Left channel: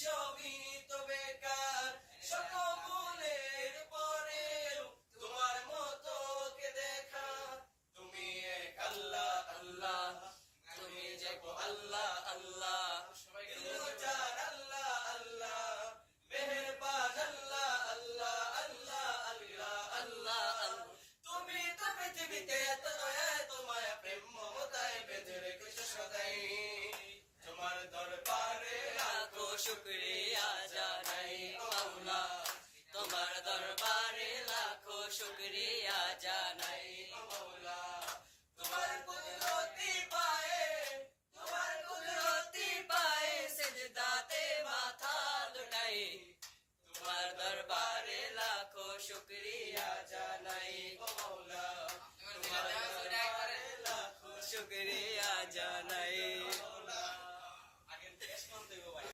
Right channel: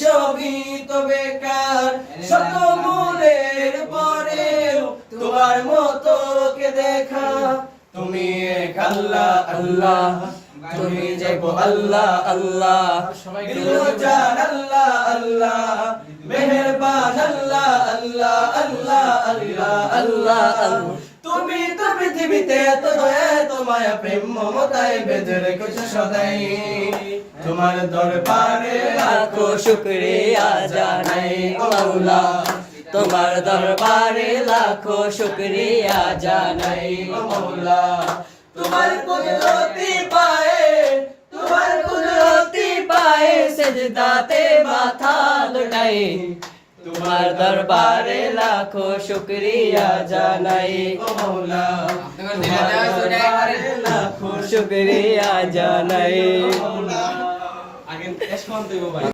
সবই তো বেকার, শত গুণের পরেও তোমার মতো কে দেখা। তুমি এক আল্লাহ আল্লাহ, তুমি যে গো আল্লাহ আল্লাহ, দিলজান আল্লাহ আল্লাহ, মেহেরবান আল্লাহ আল্লাহ আল্লাহ আল্লাহ আল্লাহ আল্লাহ। তুমি তো পৃথিবীতে এত দয়া এত মায়া প্রেম মমতায় বেঁধে রেখেছো সদাই। তোমার দরবারে লাখো শুকরিয়া জানাই ও মাওলা, তোমার দরবারে লাখো শুকরিয়া জানাই ও মাওলা। তোমার কুদরতি পায়ে, তোমার কুদরতি পায়ে সেজদাতে মাথা লুটাই, তোমার দরবারে লাখো শুকরিয়া জানাই ও মাওলা, তোমার দরবারে লাখো শুকরিয়া জানাই ও মাওলা। আগে এসমান দেব ভাই।